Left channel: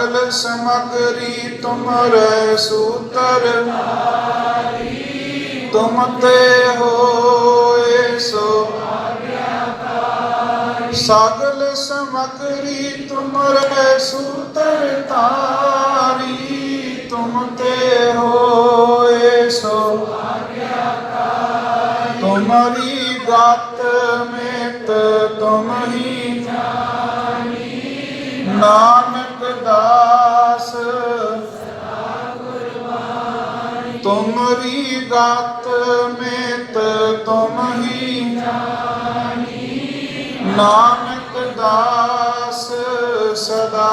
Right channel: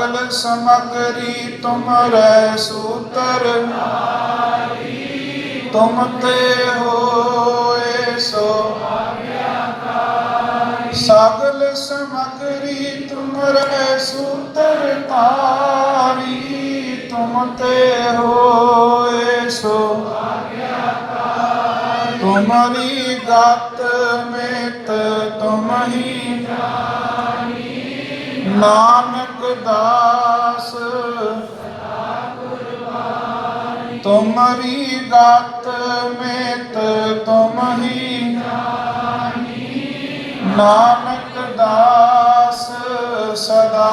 ਕਲ ਸਮਗਰੀ ਤੁਮਰੈ ਸੂਤਰ ਤੁਮ ਤੇ ਹੋਏ ਸੋ ਸਗਲ ਸਮਗਰੀ ਤੁਮਰੈ ਸੂਤਰ ਤਾਰੀ ਤੁਮ ਤੇ ਹੋਏ ਸੋ ਤੁਮਰੀ ਗਤ ਮੇਤ ਤੁਮ ਹੀ ਨਾਨਕ ਤੁਮਰੀ ਗਤ ਮੇਤ ਤੁਮ ਹੀ ਨਾਨਕ ਦਾਸ ਸਦਾ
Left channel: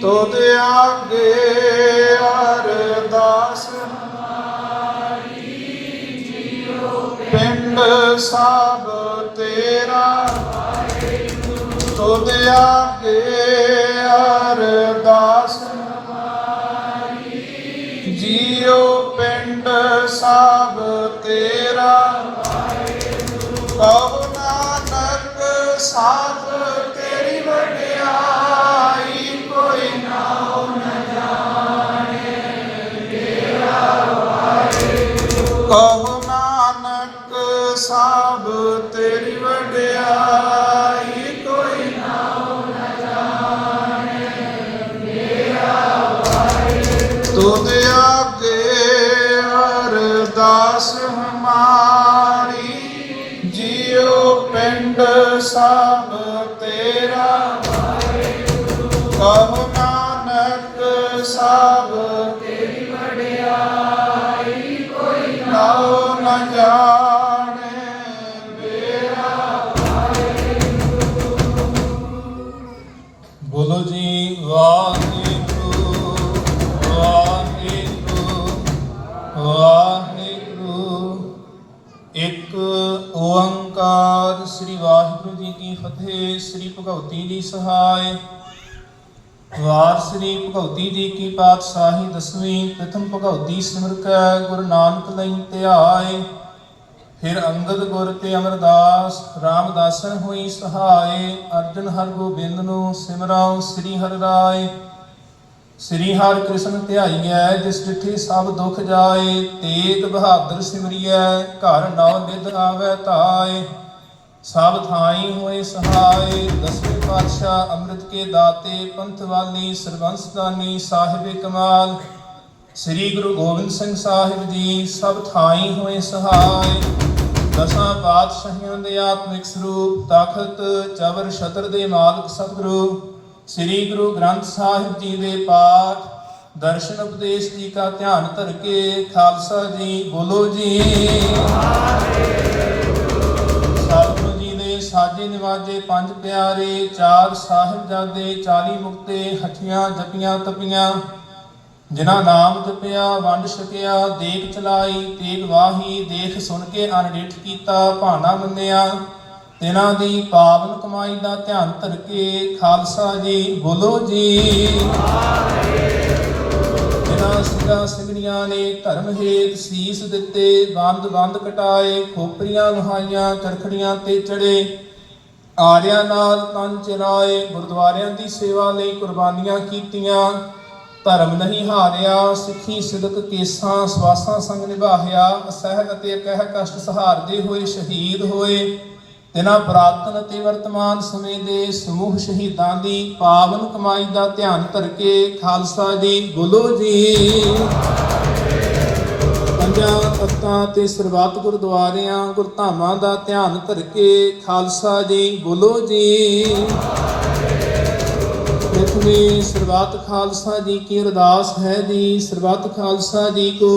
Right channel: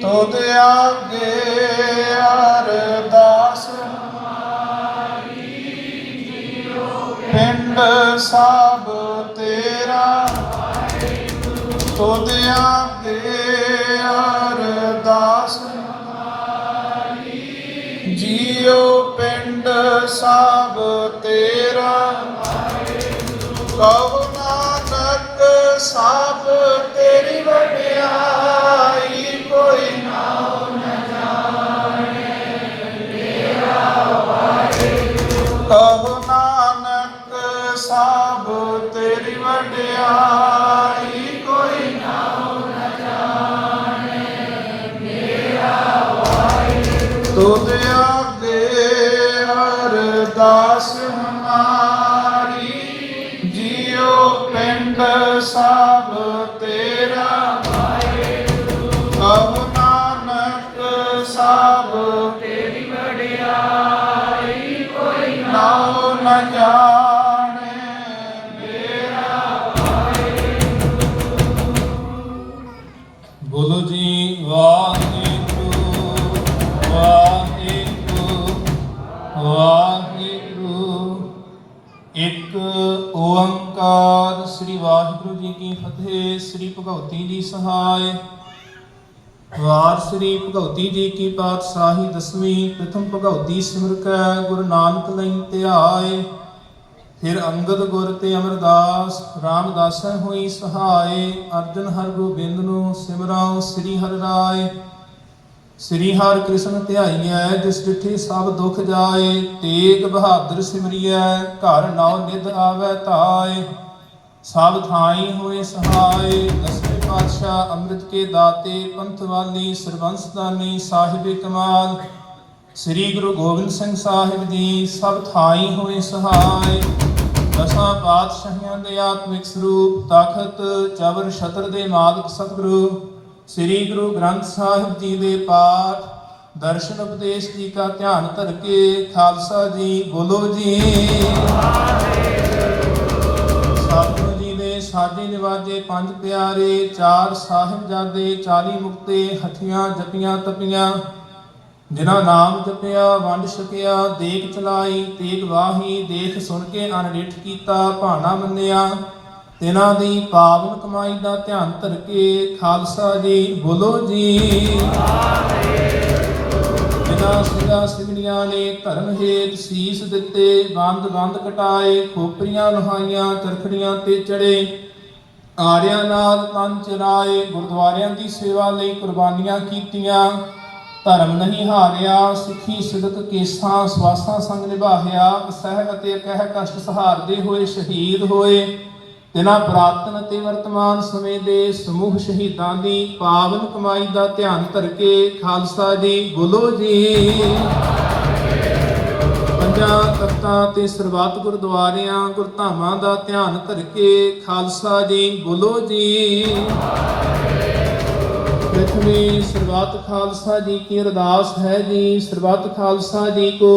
ਤੁਧ ਆਗੇ ਅਰਦਾਸ ਪਿੰਡ ਸਭ ਤੇਰਾ ਤੁਧ ਆਗੇ ਅਰਦਾਸ ਜੀਉ ਪਿੰਡ ਸਭ ਤੇਰਾ। ਕਹੋ ਨਾਨਕ ਸਭ ਵਾਰ ਸ੍ਰੀ ਭਗਵਤੀ ਜੀ ਕੀ ਪਾਤਸ਼ਾਹੀ ਦਸਵੀਂ ਪ੍ਰਥਮ ਭਗਵਤੀ ਸਿਮਰ ਗੁਰੂ ਨਾਨਕ ਲਈ ਧਿਆਏ ਫਿਰ ਅੰਗਦ ਗੁਰ ਤੇ ਅਮਰਦਾਸ, ਰਾਮਦਾਸਨ ਹੋਈ ਸਹਾਏ। ਅਰਜਨ ਹਰ ਗੋਬਿੰਦ ਨੂੰ ਸਿਮਰਾਉ ਸ੍ਰੀ ਹਰਿ ਰਾਏ। ਸ੍ਰੀ ਹਰਿ ਕ੍ਰਿਸ਼ਨ ਧਿਆਈਐ ਜਿਸ ਜਿਠੀ ਸਭ ਦੁਖ ਜਾਏ। ਤੇਗ ਬਹਾਦਰ ਸਿਮਰਿਐ, ਘਰ ਨੌ ਨਿਧ ਆਵੈ ਧਾਏ। ਸਭ ਥਾਈ ਹੋਏ ਸਹਾਏ, ਦਸਵੇਂ ਪਾਤਸ਼ਾਹ ਅੰਮ੍ਰਿਤ ਕੇ ਦਾਤੇ, ਪੰਥ ਵਾਲੀ ਸਰਬੰਸ ਸਾਹਿਬ ਕਮਾਲ। ਸ੍ਰੀ ਗੁਰੂ ਗੋਬਿੰਦ ਸਿੰਘ ਸਾਹਿਬ ਜੀ ਸਭ ਥਾਈ ਹੋਏ ਸਹਾਈ ਦਸਾਂ ਪਾਤਸ਼ਾਹੀਆਂ ਦੇ ਆਤਮਿਕ ਸਰੂਪ ਤਖਤ ਚਵਰ, ਛਤਰ ਦੇ ਮਾਲਕ ਸਤਿਗੁਰੂ, ਸ੍ਰੀ ਗੁਰੂ ਗ੍ਰੰਥ ਸਾਹਿਬ ਜੀ ਦੇ ਪਾਠ, ਦਰਸ਼ਨ ਉਪਦੇਸ਼ ਜੀ ਦਾ ਧਿਆਨ ਧਰ ਕੇ, ਖਾਲਸਾ ਜੀ ਬੋਲੋ ਜੀ। ਸਤਿਗੁਰੂ ਨਿਵਾਜੇ ਪੰਜ ਪਿਆਰੇ, ਚਾਰ ਸਾਹਿਬਜ਼ਾਦੇ 40 ਮੁਕਤੇ, ਹੱਠੀਆਂ ਜਪੀਆਂ ਤਪੀਆਂ। ਜਿਨ੍ਹਾਂ ਨਾਮ ਜਪਿਆ, ਵੰਡ ਛਕਿਆ ਦੇਖ ਚਲਾਈ, ਤੇਗ ਵਾਹੀ, ਦੇਖ ਸੁਣ ਕੇ ਅਨਡਿਠ ਕੀਤਾ, ਭਾਣਾ ਮੰਨਿਆ। ਤਿਨਾਂ ਦੀ ਪਾਵਨ ਕਮਾਈ ਦਾ ਧਿਆਨ ਧਰ ਕੇ ਖਾਲਸਾ ਜੀ ਬੋਲੋ ਜੀ। ਜਿਨ੍ਹਾਂ ਸਿੰਘਾਂ ਸਿੰਘਣੀਆਂ ਨੇ ਧਰਮ ਹੇਤ ਸੀਸ ਦਿੱਤੇ ਬੰਦ ਬੰਦ ਕਟਾਏ, ਖੋਪਰੀਆਂ ਲੁਹਾਈਆਂ ਕਰਖੜੀਆਂ ਤੇ ਚੜੇ। ਆਰਿਆਂ ਨਾਲ ਪੰਜ ਰਾਏ ਗੁਰਦੁਆਰਿਆਂ ਦੀ ਸੇਵਾ ਲਈ ਕੁਰਬਾਨੀਆਂ ਕੀਤੀਆਂ। ਧਰਮ ਨਹੀਂ ਹਾਰਿਆ, ਸਿੱਖੀ ਸਿਦਕ ਕੇਸਾਂ, ਸਵਾਸਾਂ ਸੰਗ ਨਿਭਾਹਿਆ, ਅਸਹਿ ਅਤੇ ਅਕਹਿ ਕਸ਼ਟ ਸਹਾਰਦੇ ਹੋਏ ਸ਼ਹੀਦ ਹੋਏ। ਤਿਨਾਂ ਪ੍ਰਾਤਨ ਤੇ ਵਰਤਮਾਨ ਸਮੇਂ ਦੇ ਸਮੂਹ ਸ਼ਹੀਦਾਂ ਦੀ ਪਾਵਨ ਕਮਾਈ ਦਾ ਧਿਆਨ ਧਰ ਕੇ ਖਾਲਸਾ ਜੀ ਬੋਲੋ ਜੀ। ਪੰਜਾਂ ਤੇ ਸਰਬੱਤ ਗੁਰਦੁਆਰਿਆਂ, ਗੁਰਧਾਮਾਂ ਦਾ ਧਿਆਨ ਧਰ ਕੇ ਖਾਲਸਾ ਜੀ ਬੋਲੋ ਜੀ। ਪ੍ਰਥਮੇ ਸਰਬੱਤ ਖਾਲਸਾ ਜੀ ਕੀ ਅਰਦਾਸ ਹੈ ਜੀ? ਸਰਬੱਤ ਖਾਲਸਾ ਜੀ ਕੋ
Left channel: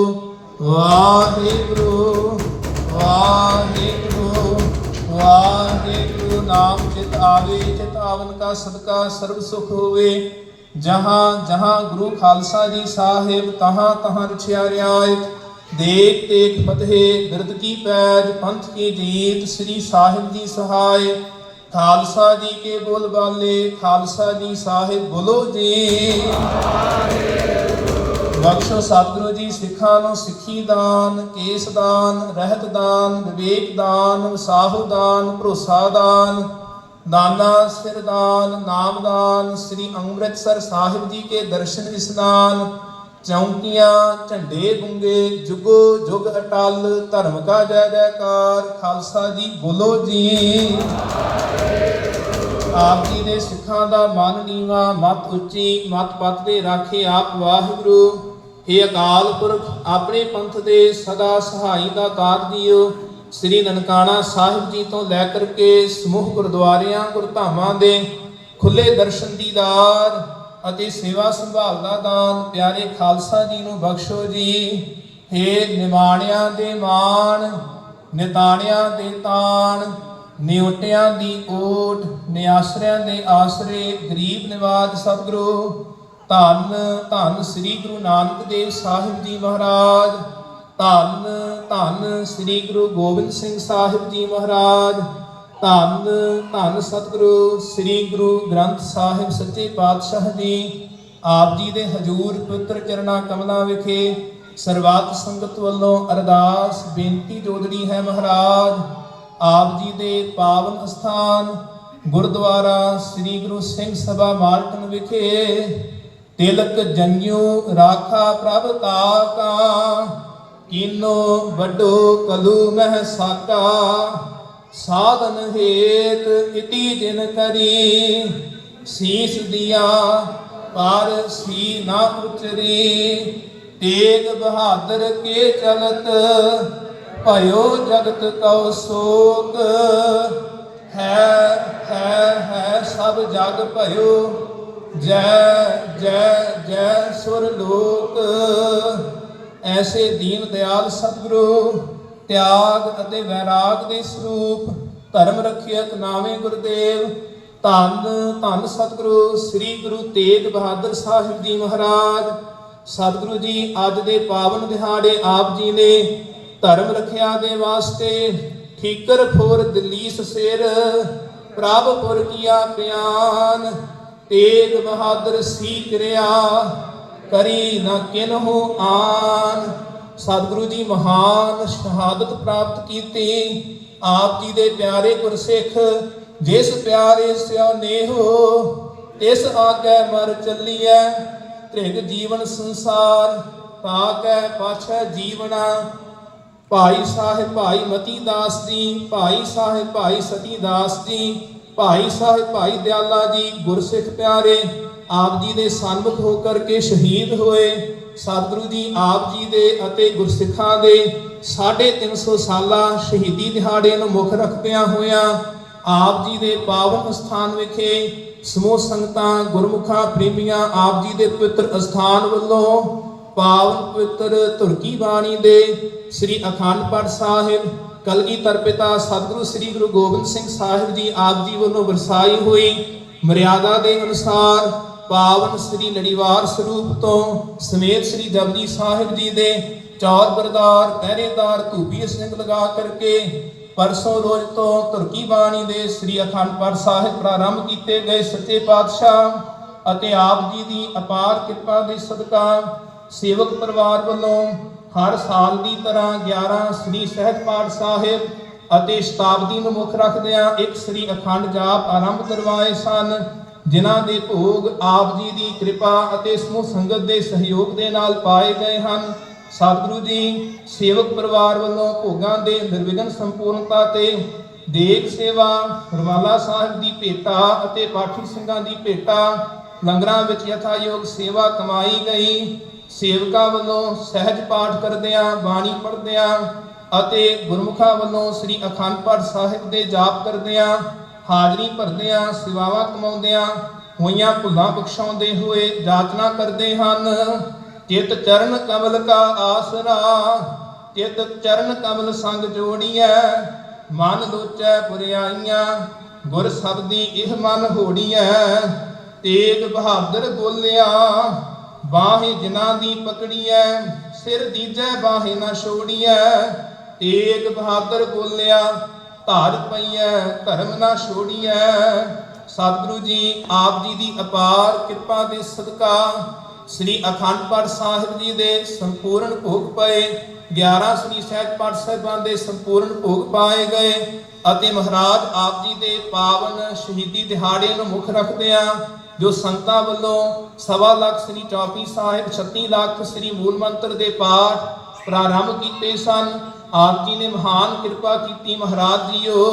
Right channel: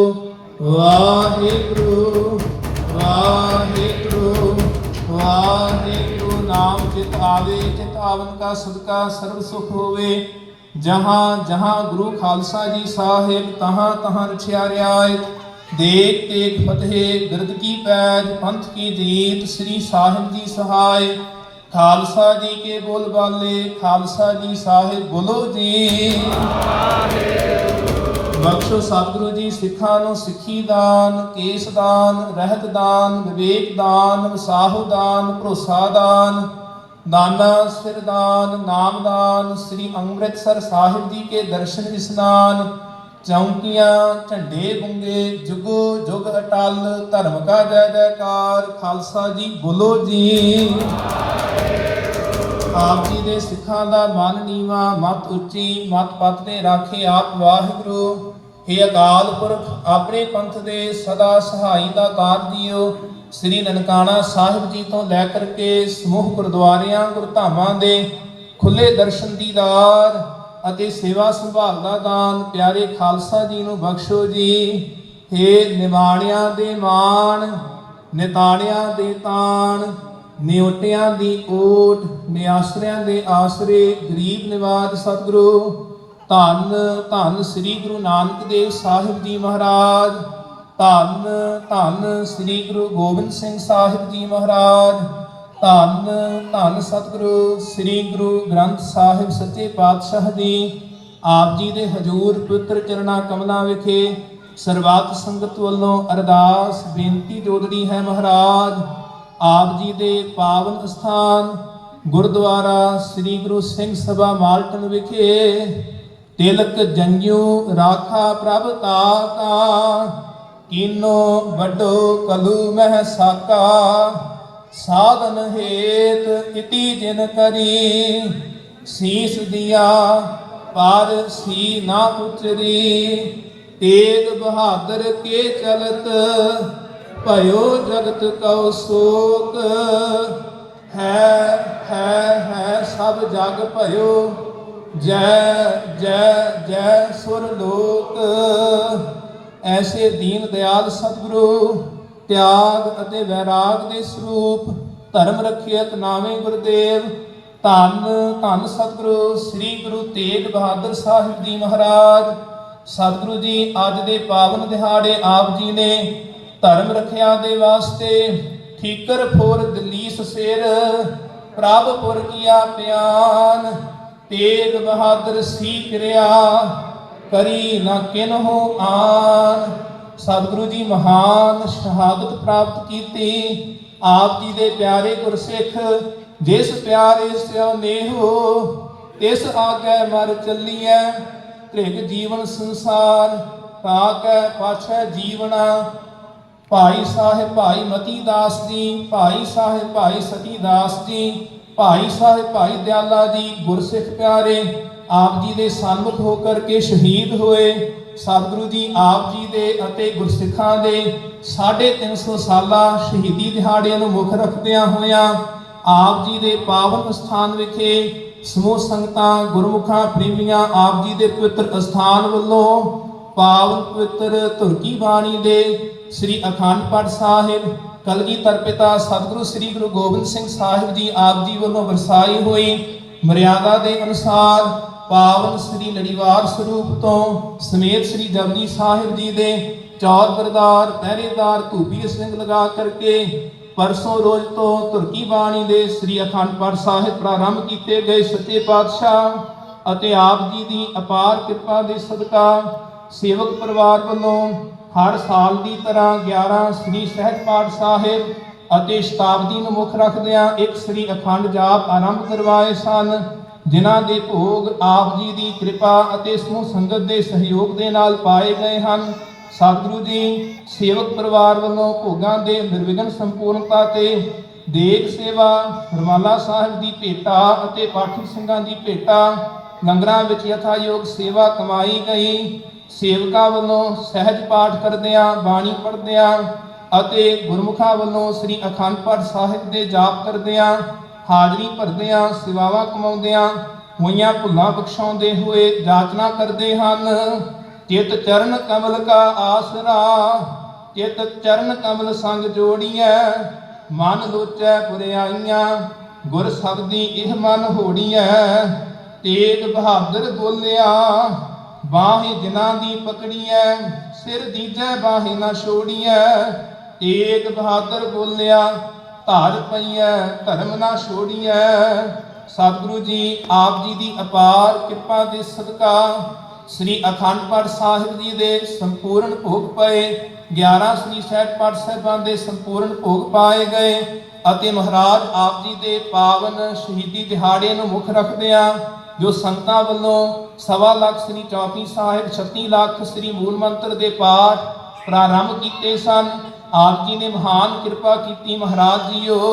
ਵਾਹਿਗੁਰੂ ਵਾਹਿਗੁਰੂ ਵਾਹਿਗੁਰੂ। ਨਾਮ ਚਿਤ ਆਵੇ ਚਿਤ ਕਾ ਸਦਕਾ ਸਰਬ ਸੁਖ ਹੋਵੇ। ਜਹਾਂ ਜਹਾਂ ਗੁਰੂ ਖਾਲਸਾ ਜੀ ਸਾਹਿਬ, ਤਹਾਂ ਤਹਾਂ ਰਛਿਆ ਰਿਆਇਤ। ਦੇਖ ਤੇਗ ਫਤਿਹ ਬਿਰਦ ਕੀ ਪੈਜ, ਪੰਥ ਕੀ ਜੀਤ, ਸ੍ਰੀ ਸਾਹਿਬ ਜੀ ਸਹਾਇ ਖਾਲਸਾ ਜੀ ਕੇ ਬੋਲ ਬਾਲੇ, ਖਾਲਸਾ ਜੀ ਸਾਹਿਬ ਬੋਲੋ ਜੀ। ਬਖਸ਼ੋ ਸਤਿਗੁਰੂ ਜੀ ਸਿੱਖਾਂ ਨੂੰ ਸਿੱਖੀ ਦਾਨ, ਕੇਸ ਦਾਨ, ਰਹਿਤ ਦਾਨ, ਵਿਵੇਕ ਦਾਨ, ਵਸਾਹੁ ਦਾਨ, ਭਰੋਸਾ ਦਾਨ, ਦਾਨਾ ਸਿਰਦਾਨ ਨਾਮਦਾਨ ਸ੍ਰੀ ਅੰਮ੍ਰਿਤਸਰ ਸਾਹਿਬ ਜੀ ਕੇ ਦਰਸ਼ਨ ਇਸਨਾਨ ਚੌਂਕੀਆਂ, ਝੰਡੇ ਗੁੰਗੇ, ਜੁਗੋ ਜੁਗ ਅਟਲ, ਧਰਮ ਕਾ ਜੈ ਜੈਕਾਰ, ਖਾਲਸਾ ਜੀ ਬੋਲੋ ਜੀ। ਆਪ ਜੀ ਦੇ ਸਿੱਖਾਂ ਦਾ ਮਨ ਨੀਵਾ, ਮਤ ਉੱਚੀ, ਮਤ ਪਤ ਤੇ ਰਾਖੇ ਆਪ ਵਾਹਿਗੁਰੂ। ਇਹ ਅਕਾਲ ਪੁਰਖ, ਆਪਣੇ ਪੰਥ ਦੇ ਸਦਾ ਸਹਾਈ ਦਾ ਦਾਤ ਜੀਓ ਸ੍ਰੀ ਨਨਕਾਣਾ ਸਾਹਿਬ ਜੀ ਤੋਂ ਲੈ ਕਰਕੇ ਸਮੂਹ ਗੁਰਦੁਆਰਿਆਂ, ਗੁਰਧਾਮਾਂ ਦੇ ਖੁੱਲੇ ਦਰਸ਼ਨ ਦੀਦਾਰ ਅਤੇ ਸੇਵਾ ਸੰਭਾਲ ਦਾ ਦਾਨ, ਪਿਆਰੇ ਖਾਲਸਾ ਜੀ ਨੂੰ ਬਖਸ਼ੋ ਜੀ। ਹੇ ਨਿਮਾਣਿਆਂ ਦੇ ਮਾਣ, ਨਿਤਾਣਿਆਂ ਦੇ ਤਾਣ, ਨਿਉਟਿਆਂ ਦੀ ਓਟ, ਨਿਆਸਰਿਆਂ ਦੇ ਆਸਰੇ, ਗਰੀਬ ਨਿਵਾਦ ਸਤਿਗੁਰੂ, ਧੰਨ ਧੰਨ ਸ੍ਰੀ ਗੁਰੂ ਨਾਨਕ ਦੇਵ ਸਾਹਿਬ ਜੀ ਮਹਾਰਾਜ, ਧੰਨ ਧੰਨ ਸ੍ਰੀ ਗੁਰੂ ਗੋਬਿੰਦ ਸਿੰਘ ਸਾਹਿਬ ਜੀ ਮਹਾਰਾਜ ਧੰਨ ਧੰਨ ਸਤਿਗੁਰੂ, ਸ੍ਰੀ ਗੁਰੂ ਗ੍ਰੰਥ ਸਾਹਿਬ ਸੱਚੇ ਪਾਤਸ਼ਾਹ ਜੀ, ਆਪ ਜੀ ਦੇ ਹਜੂਰ ਪਵਿੱਤਰ ਚਰਣਾ ਕਮਲਾਂ ਵਿਖੇ ਸਰਵਾਤ ਸੰਗਤ ਵੱਲੋਂ ਅਰਦਾਸ ਬੇਨਤੀ ਜੋਦੜੀ ਹੈ ਮਹਾਰਾਜ। ਆਪ ਜੀ ਦੇ ਪਾਵਨ ਸਥਾਨ ਗੁਰਦੁਆਰਾ ਸ੍ਰੀ ਗੁਰੂ ਸਿੰਘ ਸਭਾ ਮਾਲਟਨ ਵਿਖੇ ਤਿਲਕ ਜੰਯੂ ਰਾਖਾ ਪ੍ਰਭ ਤਾਕਾ, ਕੀਨੋ ਵੱਡੋ ਕਲੂ ਮਹਿ ਸਾਕਾ। ਸਾਧਨ ਹੇਤ ਇਤੀ ਜਿਨ ਕਰੀ, ਸੀਸ ਦਿਆ, ਪਰ ਸੀ ਨਾ ਉਤਰੀ ਤੇਗ ਬਹਾਦਰ ਕੇ ਚਲਤ, ਭਇਓ ਜਗਤ ਕਉ ਸੋਕ ਹੈ ਹੈ ਹੈ ਸਭ ਜਗ ਭਇਓ, ਜੈ ਜੈ ਜੈ ਸੁਰ ਲੋਕ। ਐਸੇ ਦੀਨ ਦਿਆਲ ਸਤਿਗੁਰੂ ਤਿਆਗ ਅਤੇ ਵੈਰਾਗ ਦੇ ਸਰੂਪ, ਧਰਮ ਰਖਿਅਤ ਨਾਵੇਂ ਗੁਰਦੇਵ, ਧੰਨ ਧੰਨ ਸਤਿਗੁਰੂ ਸ੍ਰੀ ਗੁਰੂ ਤੇਗ ਬਹਾਦਰ ਸਾਹਿਬ ਜੀ ਮਹਾਰਾਜ। ਸਤਿਗੁਰੂ ਜੀ ਅੱਜ ਦੇ ਪਾਵਨ ਦਿਹਾੜੇ ਆਪ ਜੀ ਨੇ ਧਰਮ ਰੱਖਿਆ ਦੇ ਵਾਸਤੇ ਠੀਕਰ ਫੋਰ ਦਲੀਸ ਸਿਰ, ਪ੍ਰਭ ਕੀਆ ਪਿਆਨ, ਤੇਗ ਬਹਾਦਰ ਸੀ ਕਿਰਿਆ, ਕਰੀ ਨਾ ਕਿਨਹੂ ਆਨ। ਸਤਿਗੁਰੂ ਜੀ ਮਹਾਨ ਸ਼ਹਾਦਤ ਪ੍ਰਾਪਤ ਕੀਤੀ। ਆਪ ਜੀ ਦੇ ਪਿਆਰੇ ਗੁਰਸਿੱਖ ਜਿਸ ਪਿਆਰੇ ਸਿਓ ਨੇਹੋ ਤਿਸ ਆਗੇ ਮਰ ਚੱਲੀਐ। ਤ੍ਰਿਗ ਜੀਵਨ ਸੰਸਾਰ ਤਾਕੈ ਪਾਛੈ ਜੀਵਨਾ। ਭਾਈ ਸਾਹਿਬ ਭਾਈ ਮਤੀ ਦਾਸ ਜੀ, ਭਾਈ ਸਾਹਿਬ ਭਾਈ ਸਤੀ ਦਾਸ ਜੀ, ਭਾਈ ਸਾਹਿਬ ਭਾਈ ਦਿਆਲਾ ਜੀ, ਗੁਰਸਿੱਖ ਪਿਆਰੇ ਆਪ ਜੀ ਦੇ ਸਨਮੁਖ ਹੋ ਕਰਕੇ ਸ਼ਹੀਦ ਹੋਏ। ਸਤਿਗੁਰੂ ਜੀ ਆਪ ਜੀ ਦੇ ਅਤੇ ਗੁਰਸਿੱਖਾਂ ਦੇ 350 ਸਾਲਾ ਸ਼ਹੀਦੀ ਦਿਹਾੜਿਆਂ ਨੂੰ ਮੁੱਖ ਰੱਖਦਿਆਂ ਹੋਇਆਂ ਆਪ ਜੀ ਦੇ ਪਾਵਨ ਸਥਾਨ ਵਿਖੇ ਸਮੂਹ ਸੰਗਤਾਂ, ਗੁਰਮੁਖਾਂ, ਪ੍ਰੇਮੀਆਂ ਆਪ ਜੀ ਦੇ ਪਵਿੱਤਰ ਅਸਥਾਨ ਵੱਲੋਂ ਪਾਵਨ ਪਵਿੱਤਰ ਧੁਰਕੀ ਬਾਣੀ ਦੇ ਸ੍ਰੀ ਅਖੰਡ ਪਾਠ ਸਾਹਿਬ, ਕਲਗੀਧਰ ਪਿਤਾ ਸਤਿਗੁਰੂ ਸ੍ਰੀ ਗੁਰੂ ਗੋਬਿੰਦ ਸਿੰਘ ਸਾਹਿਬ ਜੀ ਆਪ ਜੀ ਵੱਲੋਂ ਵਰਸਾਈ ਹੋਈ ਮਰਿਆਦਾ ਦੇ ਅਨੁਸਾਰ ਪਾਵਨ ਸ੍ਰੀ ਲੜੀਵਾਰ ਸਰੂਪ ਤੋਂ ਸਮੇਤ ਸ੍ਰੀ ਜਪਜੀ ਸਾਹਿਬ ਜੀ ਦੇ ਚੌਥ ਬਰਦਾਰ, ਪਹਿਰੇਦਾਰ, ਧੂਪੀ ਸਿੰਘ ਲਗਾ ਕਰਕੇ ਪਰਸੋਂ ਰੋਜ਼ ਤੋਂ ਤੁਰਕੀ ਬਾਣੀ ਦੇ ਸ੍ਰੀ ਅਖੰਡ ਪਾਠ ਸਾਹਿਬ ਪ੍ਰਾਰੰਭ ਕੀਤੇ ਗਏ ਸੱਚੇ ਪਾਤਸ਼ਾਹ ਅਤੇ ਆਪ ਜੀ ਦੀ ਅਪਾਰ ਕਿਰਪਾ ਦੇ ਸਦਕਾ ਸੇਵਕ ਪਰਿਵਾਰ ਵੱਲੋਂ ਹਰ ਸਾਲ ਦੀ ਤਰ੍ਹਾਂ 11 ਸ੍ਰੀ ਸਹਿਜ ਪਾਠ ਸਾਹਿਬ ਅਤੇ ਸ਼ਤਾਬਦੀ ਨੂੰ ਮੁੱਖ ਰੱਖਦਿਆਂ ਇੱਕ ਸ੍ਰੀ ਅਖੰਡ ਜਾਪ ਆਰੰਭ ਕਰਵਾਏ ਸਨ। ਜਿਨ੍ਹਾਂ ਦੇ ਭੋਗ ਆਪ ਜੀ ਦੀ ਕਿਰਪਾ ਅਤੇ ਸਮੂਹ ਸੰਗਤ ਦੇ ਸਹਿਯੋਗ ਦੇ ਨਾਲ ਪਾਏ ਗਏ ਹਨ। ਸਤਿਗੁਰੂ ਜੀ, ਸੇਵਕ ਪਰਿਵਾਰ ਵੱਲੋਂ ਭੋਗਾਂ ਦੇ ਨਿਰਵਿਘਨ ਸੰਪੂਰਨਤਾ ਤੇ ਦੇਖ ਸੇਵਾ, ਰਵਾਲਾ ਸਾਹਿਬ ਦੀ ਭੇਟਾ ਅਤੇ ਪਾਠਕ ਸਿੰਘਾਂ ਦੀ ਭੇਟਾ, ਲੰਗਰਾਂ ਵਿੱਚ ਯਥਾਯੋਗ ਸੇਵਾ ਕਮਾਈ ਗਈ। ਸੇਵਕਾਂ ਵੱਲੋਂ ਸਹਿਜ ਪਾਠ ਕਰਦਿਆਂ, ਬਾਣੀ ਪੜ੍ਹਦਿਆਂ ਅਤੇ ਗੁਰਮੁਖਾਂ ਵੱਲੋਂ ਸ੍ਰੀ ਅਖੰਡ ਪਾਠ ਸਾਹਿਬ ਦੇ ਜਾਪ ਕਰਦਿਆਂ ਹਾਜ਼ਰੀ ਭਰਦਿਆਂ, ਸੇਵਾਵਾਂ ਕਮਾਉਂਦਿਆਂ ਹੋਈਆਂ ਭੁੱਲਾਂ ਬਖਸ਼ਾਉਂਦੇ ਹੋਏ ਜਾਚਨਾ ਕਰਦੇ ਹਨ। ਚਿਤ ਚਰਨ ਕਮਲ ਕਾ ਆਸਰਾ, ਚਿਤ ਚਰਨ ਕਮਲ ਸੰਗ ਜੋੜੀਐ, ਮਨ ਲੋਚੈ ਪੁਰਿਆਈਆਂ, ਗੁਰ ਸਬਦੀ ਇਹ ਮਨ ਹੋੜੀਐ। ਤੇਗ ਬਹਾਦਰ ਬੋਲਿਆ, ਬਾਹੇ ਜਿਨ੍ਹਾਂ ਦੀ ਪਕੜੀਐ, ਸਿਰ ਦੀਜੈ ਬਾਹੇ ਨਾ ਛੋੜੀਐ। ਤੇਗ ਬਹਾਦਰ ਬੋਲਿਆ ਧਾਰ ਪਈਐ, ਧਰਮ ਨਾ ਛੋੜੀਐ। ਸਤਿਗੁਰੂ ਜੀ, ਆਪ ਜੀ ਦੀ ਅਪਾਰ ਕਿਰਪਾ ਦੇ ਸਦਕਾ ਸ੍ਰੀ ਅਖੰਡ ਪਾਠ ਸਾਹਿਬ ਜੀ ਦੇ ਸੰਪੂਰਨ ਭੋਗ ਪਏ 11 ਸ੍ਰੀ ਸਹਿਜ ਪਾਠ ਸਾਹਿਬਾਂ ਦੇ ਸੰਪੂਰਨ ਭੋਗ ਪਾਏ ਗਏ ਅਤੇ ਮਹਾਰਾਜ ਆਪ ਜੀ ਦੇ ਪਾਵਨ ਸ਼ਹੀਦੀ ਦਿਹਾੜੇ ਨੂੰ ਮੁੱਖ ਰੱਖਦੇ ਰੱਖਦਿਆਂ ਜੋ ਸੰਤਾਂ ਵੱਲੋਂ ਸਵਾ ਲੱਖ ਸ੍ਰੀ ਚੌਪੀ ਸਾਹਿਬ 36 ਲੱਖ ਸ੍ਰੀ ਮੂਲ ਮੰਤਰ ਦੇ ਪਾਠ ਪ੍ਰਾਰੰਭ ਕੀਤੇ ਸਨ ਆਪ ਜੀ ਨੇ ਮਹਾਨ ਕਿਰਪਾ ਕੀਤੀ ਮਹਾਰਾਜ ਜੀਓ।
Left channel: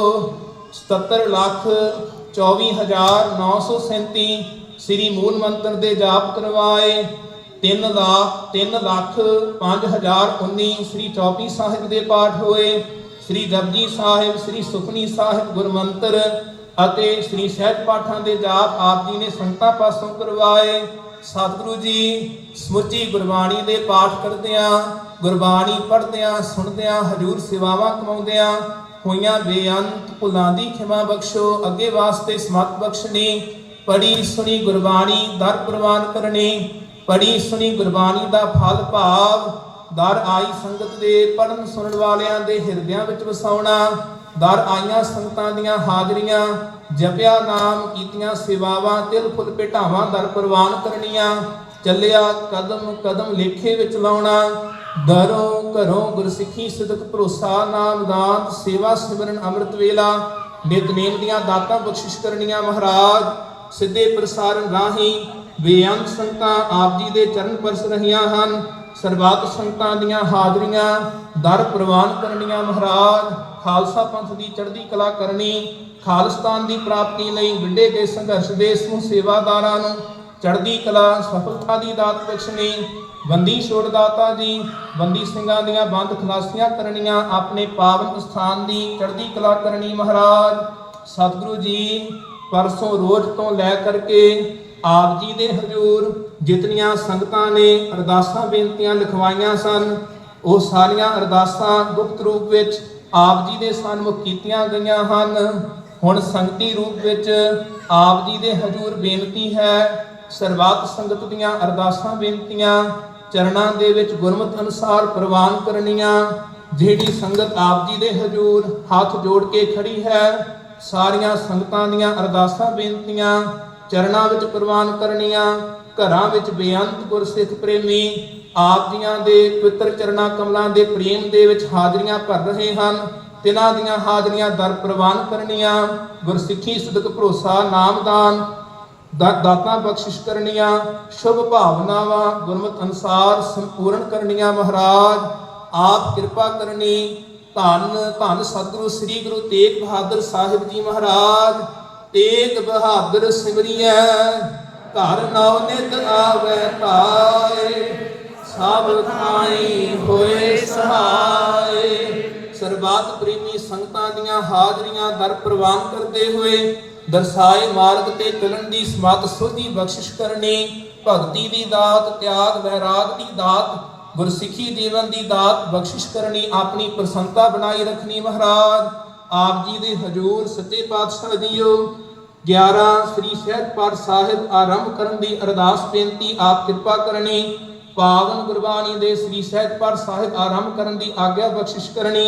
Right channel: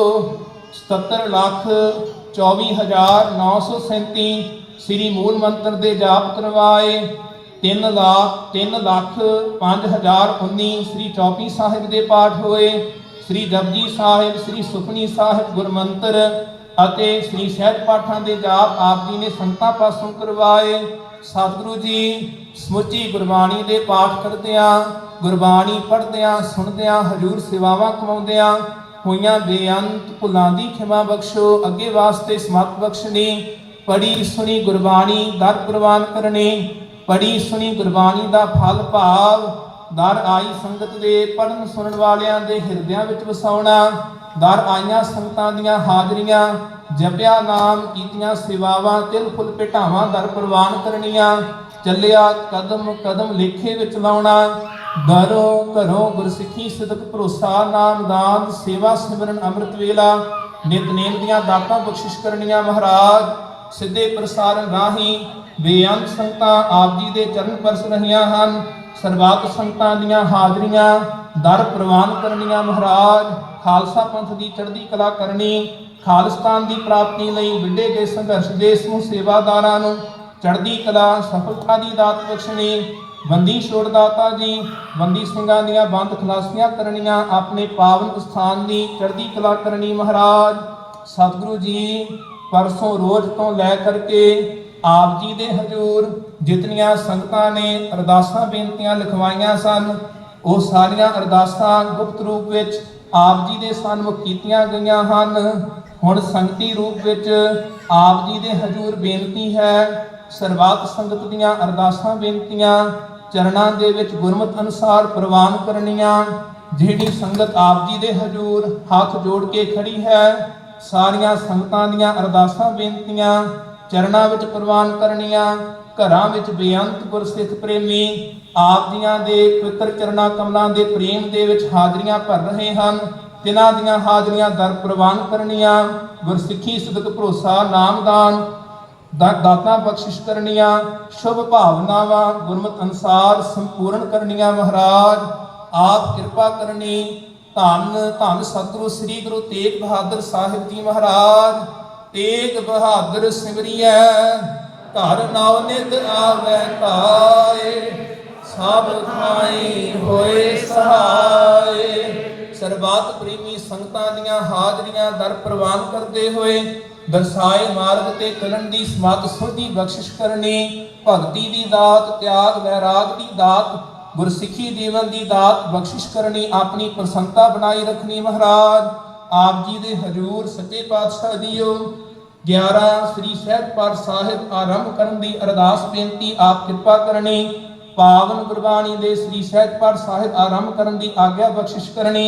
77 ਲੱਖ 24937 ਸ੍ਰੀ ਮੂਲ ਮੰਤਰ ਦੇ ਜਾਪ ਕਰਵਾਏ। 3 ਲੱਖ 3 ਲੱਖ 5019 ਸ੍ਰੀ ਚੌਪੀ ਸਾਹਿਬ ਦੇ ਪਾਠ ਹੋਏ। ਸ੍ਰੀ ਜਪਜੀ ਸਾਹਿਬ, ਸ੍ਰੀ ਸੁਖਨੀ ਸਾਹਿਬ ਗੁਰਮੰਤਰ ਅਤੇ ਸ੍ਰੀ ਸਹਿਜ ਪਾਠਾਂ ਦੇ ਜਾਪ ਆਪ ਜੀ ਨੇ ਸੰਤਾਂ ਪਾਸੋਂ ਕਰਵਾਏ। ਸਤਿਗੁਰੂ ਜੀ, ਸਮੁੱਚੀ ਗੁਰਬਾਣੀ ਦੇ ਪਾਠ ਕਰਦਿਆਂ, ਗੁਰਬਾਣੀ ਪੜ੍ਹਦਿਆਂ, ਸੁਣਦਿਆਂ, ਹਜੂਰ ਸੇਵਾਵਾਂ ਕਮਾਉਂਦਿਆਂ ਹੋਈਆਂ ਬੇਅੰਤ ਭੁੱਲਾਂ ਦੀ ਖਿਮਾ ਬਖਸ਼ੋ, ਅੱਗੇ ਵਾਸਤੇ ਸਮਤ ਬਖਸ਼ਣੀ ਪੜੀ ਸੁਣੀ ਗੁਰਬਾਣੀ ਦਰ ਪ੍ਰਵਾਨ ਕਰਨੀ ਪੜੀ ਸੁਣੀ ਗੁਰਬਾਣੀ ਦਾ ਫਲ ਭਾਵ, ਦਰ ਆਈ ਸੰਗਤ ਦੇ ਪੜਨ ਸੁਣਨ ਵਾਲਿਆਂ ਦੇ ਹਿਰਦਿਆਂ ਵਿੱਚ ਵਸਾਉਣਾ ਦਰ ਆਈਆਂ ਸੰਗਤਾਂ ਦੀਆਂ ਹਾਜ਼ਰੀਆਂ, ਜਪਿਆ ਨਾਮ ਕੀਤੀਆਂ ਸੇਵਾਵਾਂ ਤਿਲ ਫੁੱਲ ਭੇਟਾਵਾਂ ਦਰ ਪ੍ਰਵਾਨ ਕਰਨੀਆਂ, ਚੱਲਿਆ ਕਦਮ ਕਦਮ ਲੇਖੇ ਵਿੱਚ ਲਾਉਣਾ ਦਰੋਂ ਘਰੋਂ ਗੁਰਸਿੱਖੀ ਸਿਦਕ ਭਰੋਸਾ, ਨਾਮ ਦਾਨ ਸੇਵਾ ਸਿਮਰਨ ਅੰਮ੍ਰਿਤ ਵੇਲਾ ਨਿਤਨੇਮ ਦੀਆਂ ਦਾਤਾਂ ਬਖਸ਼ਿਸ਼ ਕਰਨੀਆਂ ਮਹਾਰਾਜ। ਸਿੱਧੇ ਪ੍ਰਸਾਰਣ ਰਾਹੀਂ ਬੇਅੰਤ ਸੰਤਾਂ ਆਪ ਜੀ ਦੇ ਚਰਨ ਪਰਸ ਰਹੀਆਂ ਹਨ। ਸਰਬੱਤ ਸੰਤਾਂ ਦੀਆਂ ਹਾਜ਼ਰੀਆਂ ਦਰ ਪ੍ਰਵਾਨ ਕਰਨੀਆਂ ਮਹਾਰਾਜ, ਖਾਲਸਾ ਪੰਥ ਦੀ ਚੜ੍ਹਦੀ ਕਲਾ ਕਰਨੀ, ਖਾਲਸਤਾਨ ਦੀ ਪ੍ਰਾਪਤੀ ਲਈ ਵਿੱਢੇ ਗਏ ਸੰਘਰਸ਼ ਦੇ ਸਮੂਹ ਸੇਵਾਦਾਰਾਂ ਨੂੰ ਚੜ੍ਹਦੀ ਕਲਾ, ਸਫਲਤਾ ਦੀ ਦਾਤ ਬਖਸ਼ਣੀ, ਬੰਦੀ ਛੋੜ ਦਾਤਾ ਜੀ, ਬੰਦੀ ਸਿੰਘਾਂ ਦੀਆਂ ਬੰਦ ਖਲਾਸੀਆਂ ਕਰਨੀਆਂ ਆਪਣੇ ਪਾਵਨ ਸਥਾਨ ਦੀ ਚੜ੍ਹਦੀ ਕਲਾ ਕਰਨੀ ਮਹਾਰਾਜ। ਸਤਿਗੁਰੂ ਜੀ, ਪਰਸੋਂ ਰੋਜ਼ ਤੋਂ ਲੈ ਕਰਕੇ ਆਪ ਜੀ ਦੇ ਹਜ਼ੂਰ ਜਿਤਨੀਆਂ ਸੰਗਤਾਂ ਨੇ ਅਰਦਾਸਾਂ ਬੇਨਤੀਆਂ ਲਿਖਵਾਈਆਂ ਸਨ, ਉਹ ਸਾਰੀਆਂ ਅਰਦਾਸਾਂ ਗੁਪਤ ਰੂਪ ਵਿੱਚ ਆਪ ਜੀ ਦੇ ਸਨਮੁਖ ਕੀਤੀਆਂ ਗਈਆਂ ਹਨ। ਹੁਣ ਸੰਗਤੀ ਰੂਪ ਵਿੱਚ ਆਪ ਜੀ ਦੇ ਹਜ਼ੂਰ ਬੇਨਤੀ ਹੈ, ਸਰਬੱਤ ਸੰਗਤ ਦੀਆਂ ਅਰਦਾਸਾਂ ਬੇਨਤੀਆਂ ਚਰਨਾਂ ਦੇ ਵਿੱਚ ਗੁਰਮਤ ਅਨੁਸਾਰ ਪ੍ਰਵਾਨ ਕਰਨੀਆਂ, ਜਿਹੜੀ ਸੰਗਤ ਆਪ ਜੀ ਦੇ ਹਜ਼ੂਰ ਹੱਥ ਜੋੜ ਕੇ ਖੜੀ ਹੈ, ਸਾਰੀਆਂ ਸੰਗਤਾਂ ਦੀਆਂ ਅਰਦਾਸਾਂ ਬੇਨਤੀਆਂ ਚਰਨਾਂ ਵਿੱਚ ਪ੍ਰਵਾਨ ਕਰਨੀਆਂ, ਘਰਾਂ ਵਿੱਚ ਬੇਅੰਤ ਗੁਰਸਿੱਖ ਪ੍ਰੇਮੀ, ਆਪ ਜੀਆਂ ਦੇ ਪਵਿੱਤਰ ਚਰਨਾਂ ਕਮਲਾਂ ਦੇ ਪ੍ਰੇਮ ਦੇ ਵਿੱਚ ਹਾਜ਼ਰੀਆਂ ਭਰ ਰਹੇ ਹਨ, ਤਿਨਾਂ ਦੀਆਂ ਹਾਜ਼ਰੀਆਂ ਦਰ ਪ੍ਰਵਾਨ ਕਰਨੀਆਂ, ਗੁਰਸਿੱਖੀ ਸਦਕ ਭਰੋਸਾ ਨਾਮਦਾਨ ਦਾ- ਦਾਤਾਂ ਬਖਸ਼ਿਸ਼ ਕਰਨੀਆਂ, ਸ਼ੁਭ ਭਾਵਨਾਵਾਂ ਗੁਰਮਤ ਅਨੁਸਾਰ ਸੰਪੂਰਨ ਕਰਨੀਆਂ ਮਹਾਰਾਜ, ਆਪ ਕਿਰਪਾ ਕਰਨੀ, ਧੰਨ ਧੰਨ ਸਤਿਗੁਰੂ, ਸ੍ਰੀ ਗੁਰੂ ਤੇਗ ਬਹਾਦਰ ਸਾਹਿਬ ਜੀ ਮਹਾਰਾਜ। ਤੇਗ ਬਹਾਦਰ ਸਿਮਰਿਐ, ਘਰ ਨਾਉ ਨਿਤ ਆਵੈ ਤਾਏ, ਸਭ ਥਾਈ ਹੋਏ ਸਹਾਏ। ਸਰਬੱਤ ਪ੍ਰੀਤੀ ਸੰਗਤਾਂ ਦੀਆਂ ਹਾਜ਼ਰੀਆਂ ਦਰ ਪ੍ਰਵਾਨ ਕਰਦੇ ਹੋਏ ਦਰਸਾਏ ਮਾਰਗ ਤੇ ਚੱਲਣ ਦੀ ਸਮਤ ਸੁਧੀ ਬਖਸ਼ਿਸ਼ ਕਰਨੀ, ਭਗਤੀ ਦੀ ਦਾਤ, ਤਿਆਗ, ਵੈਰਾਗ ਦੀ ਦਾਤ, ਗੁਰਸਿੱਖੀ ਜੀਵਨ ਦੀ ਦਾਤ ਬਖਸ਼ਿਸ਼ ਕਰਨੀ, ਆਪਣੀ ਪ੍ਰਸੰਨਤਾ ਬਣਾਈ ਰੱਖਣੀ ਮਹਾਰਾਜ। ਆਪ ਜੀ ਦੇ ਹਜੂਰ ਸੱਚੇ ਪਾਤਸ਼ਾਹ ਜੀਓ 11 ਸ੍ਰੀ ਸਹਿਜ ਸਾਹਿਬ ਆਰੰਭ ਕਰਨ ਦੀ ਅਰਦਾਸ ਬੇਨਤੀ, ਆਪ ਕਿਰਪਾ ਕਰਨੀ। ਪਾਵਨ ਗੁਰਬਾਣੀ ਦੇ ਸ੍ਰੀ ਸਹਿਜ ਸਾਹਿਬ ਆਰੰਭ ਕਰਨ ਦੀ ਆਗਿਆ ਬਖਸ਼ਿਸ਼ ਕਰਨੀ।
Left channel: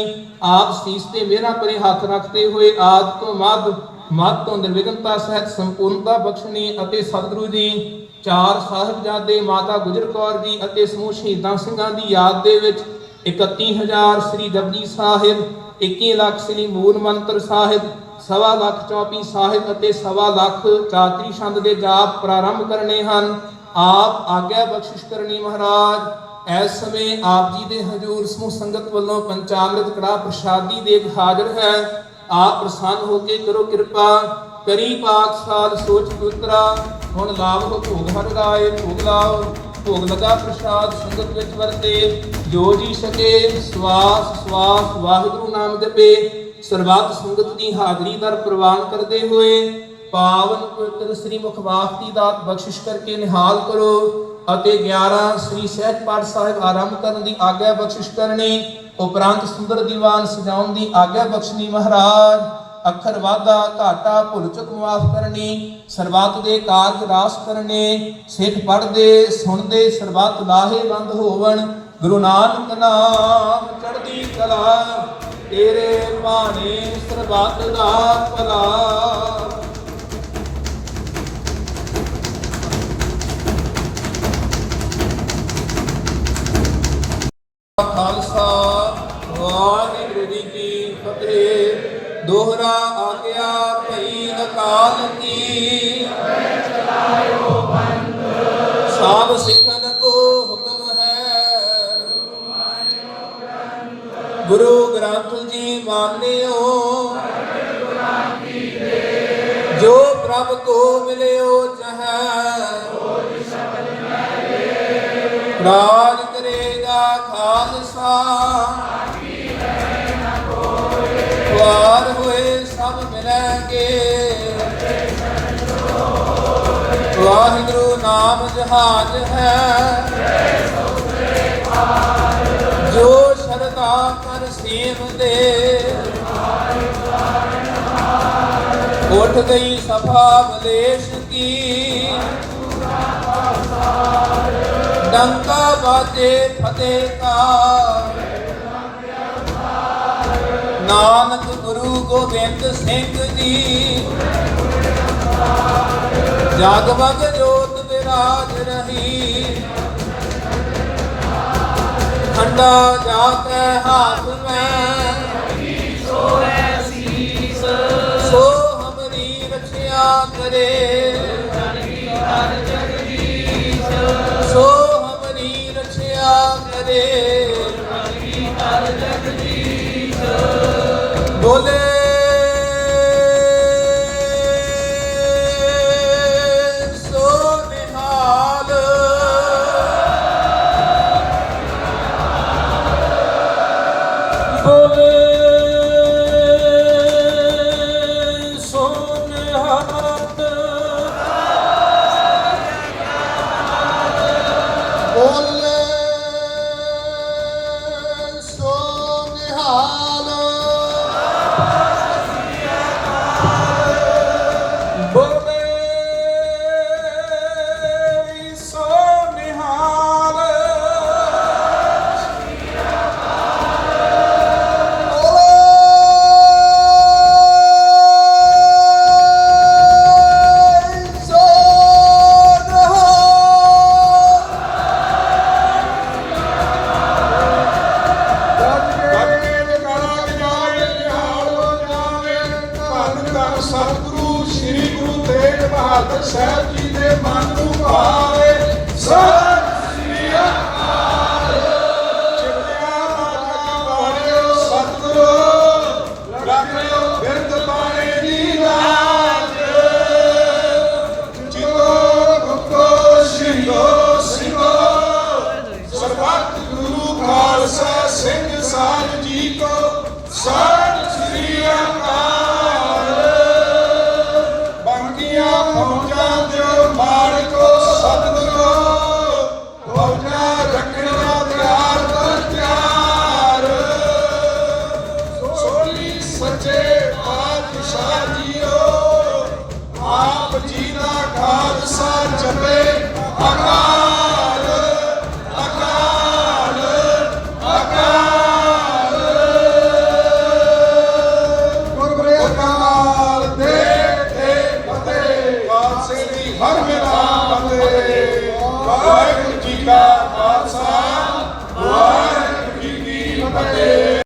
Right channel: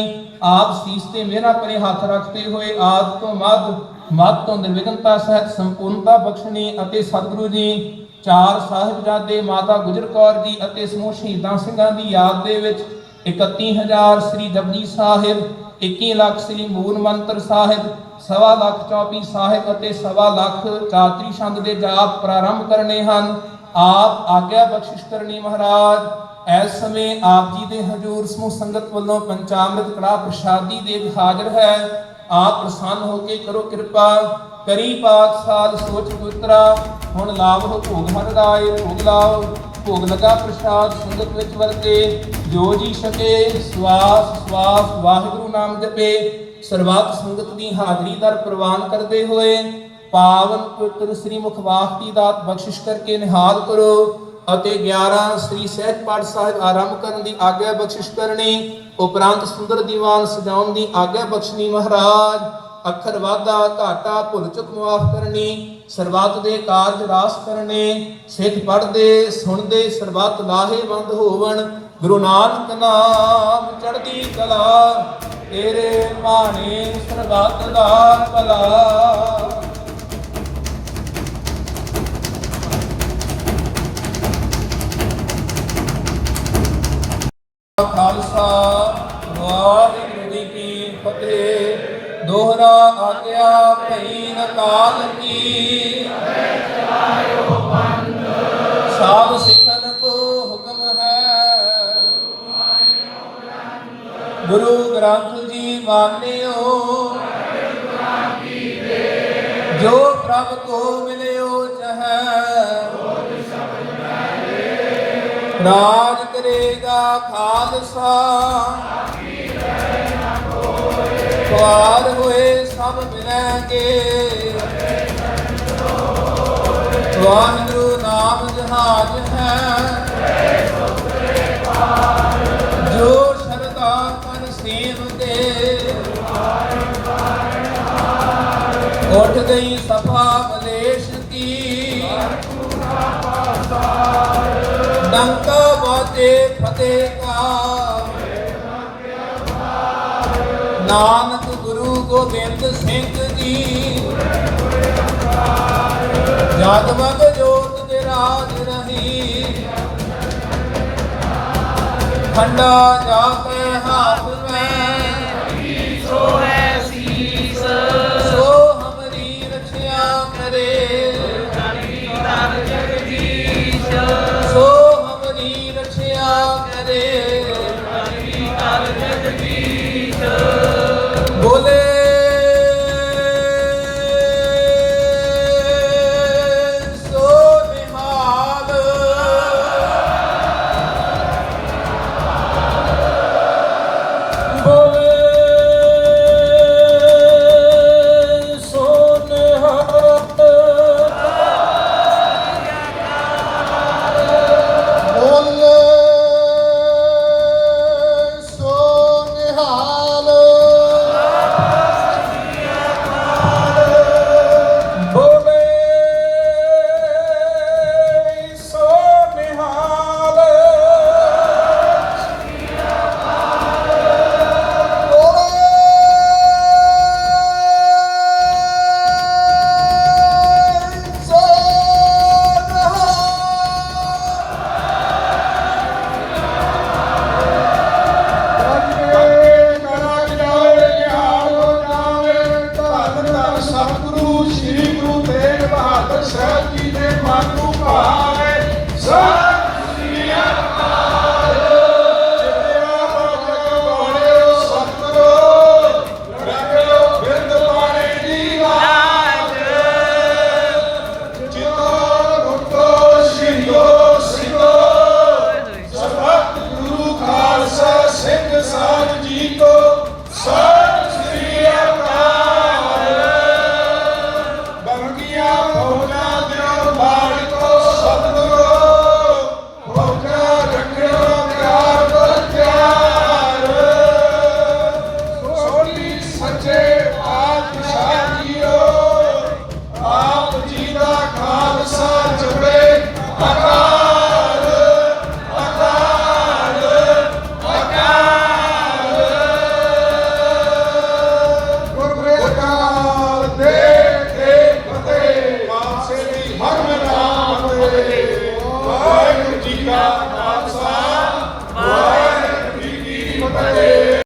ਆਪ ਸੀਸ ਤੇ ਮੇਰਾ ਪਰੇ ਹੱਥ ਰੱਖਦੇ ਹੋਏ ਆਦ ਤੋਂ ਮੱਧ ਮੱਧ ਤੋਂ ਨਿਰਵਿਘਨਤਾ ਸਹਿਤ ਸੰਪੂਰਨਤਾ ਬਖਸ਼ਣੀ ਅਤੇ ਸਤਿਗੁਰੂ ਜੀ, ਚਾਰ ਸਾਹਿਬਜ਼ਾਦੇ ਮਾਤਾ ਗੁਜਰ ਕੌਰ ਜੀ ਅਤੇ ਸਮੂਹ ਸ਼ਹੀਦਾਂ ਸਿੰਘਾਂ ਦੀ ਯਾਦ ਦੇ ਵਿੱਚ 31000 ਸ੍ਰੀ ਜਪਜੀ ਸਾਹਿਬ 21 ਲੱਖ ਸ੍ਰੀ ਮੂਲ ਮੰਤਰ ਸਾਹਿਬ ਸਵਾ ਲੱਖ ਚੌਪੀ ਸਾਹਿਬ ਅਤੇ ਸਵਾ ਲੱਖ ਚਾਤਰੀ ਛੰਦ ਦੇ ਜਾਪ ਪ੍ਰਾਰੰਭ ਕਰਨੇ ਹਨ। ਆਪ ਆਗਿਆ ਬਖਸ਼ਿਸ਼ ਕਰਨੀ ਮਹਾਰਾਜ। ਐਸ ਸਮੇਂ ਆਪ ਜੀ ਦੇ ਹਜ਼ੂਰ ਸਮੂਹ ਸੰਗਤ ਵੱਲੋਂ ਪੰਚਾਮ੍ਰਿਤ ਕੜਾ ਪ੍ਰਸ਼ਾਦੀ ਦੇ ਹਾਜ਼ਰ ਹੈ। ਆਪ ਪ੍ਰਸੰਨ ਹੋ ਕੇ ਕਰੋ ਕਿਰਪਾ। ਕਰੀ ਪਾਕ ਸਾਧ, ਸੋਚ ਪੁੱਤਰਾ ਹੁਣ ਲਾਭ ਭੋਗ ਹਰ ਰਾਏ, ਭੋਗ ਲਾਓ। ਭੋਗ ਲਗਾ ਪ੍ਰਸ਼ਾਦ ਸੰਗਤ ਵਿੱਚ ਵਰਤੇ। ਜੋ ਜੀ ਸਕੇ ਸਵਾਸ ਸਵਾਸ ਵਾਹਿਗੁਰੂ ਨਾਮ ਜਪੇ। ਸਰਬੱਤ ਸੰਗਤ ਦੀ ਹਾਜ਼ਰੀ ਦਰ ਪ੍ਰਵਾਨ ਕਰਦੇ ਹੋਏ ਪਾਵਨ ਪਵਿੱਤਰ ਸ੍ਰੀ ਮੁਖਵਾਕ ਦੀ ਦਾਤ ਬਖਸ਼ਿਸ਼ ਕਰਕੇ ਨਿਹਾਲ ਕਰੋ ਅਤੇ 11 ਸ੍ਰੀ ਸਹਿਜ ਪਾਠ ਸਾਹਿਬ ਆਰੰਭ ਕਰਨ ਦੀ ਆਗਿਆ ਬਖਸ਼ਿਸ਼ ਕਰਨੀ, ਉਪਰੰਤ ਸੁੰਦਰ ਦੀਵਾਨ ਸਜਾਉਣ ਦੀ ਆਗਿਆ ਬਖਸ਼ਣੀ ਮਹਾਰਾਜ। ਅੱਖਰ ਵਾਧਾ, ਘਾਟਾ ਭੁੱਲ ਚੁੱਕ ਮਾਫ ਕਰਨੀ, ਸਰਬੱਤ ਦੇ ਕਾਰਜ ਰਾਸ ਕਰਨੇ, ਸਿੱਖ ਪੜਦੇ ਸੁਣਦੇ, ਸਰਬੱਤ ਲਾਹੇਵੰਦ ਹੋਵਣ, ਗੁਰੂ ਨਾਨਕ ਨਾਮ ਚੜ੍ਹਦੀ ਕਲਾ। ਤੇਰੇ ਬਾਣੇ ਸਰਬੱਤ ਦਾ ਭਲਾ। ਖਾਲਸਾ, ਵਾਹਿਗੁਰੂ ਜੀ ਕੀ ਫਤਿਹ। ਦੋਹਰਾ ਆਗਿਆ ਭਈ ਅਕਾਲ ਕੀ। ਸਭ ਸਿੱਖਨ ਕੋ ਗੁਰੂ ਗ੍ਰੰਥ ਜੀ ਮਾਨਿਓ। ਜੋ ਪ੍ਰਭ ਕੋ ਮਿਲਿਓ ਚਾਹੈ, ਰਾਜ ਕਰੇਗਾ ਖਾਲਸਾ। ਵਾਰ ਹੋਏ ਸਭ ਮਿਲਣਗੇ ਵਾਹਿਗੁਰੂ ਨਾਮ ਜਹਾਜ ਹੈ। ਜੋ ਉੱਠ ਗਈ ਸਭਾ ਮਲੇਸ਼ ਕੀ। ਡੰਕਾ ਬਾਜੇ ਫਤਿਹ ਕਾ। ਨਾਨਕ ਗੁਰੂ ਗੋਬਿੰਦ ਸਿੰਘ ਜੀ। ਜਗਮਗ ਜੋਤ ਵਿਰਾਜ ਰਹੀ। ਖੰਡਾ ਜਾਤੇ ਹਾਥ ਮੈਂ। ਸੋ ਰਖਿਆ ਤੇਗ ਬਹਾਦਰ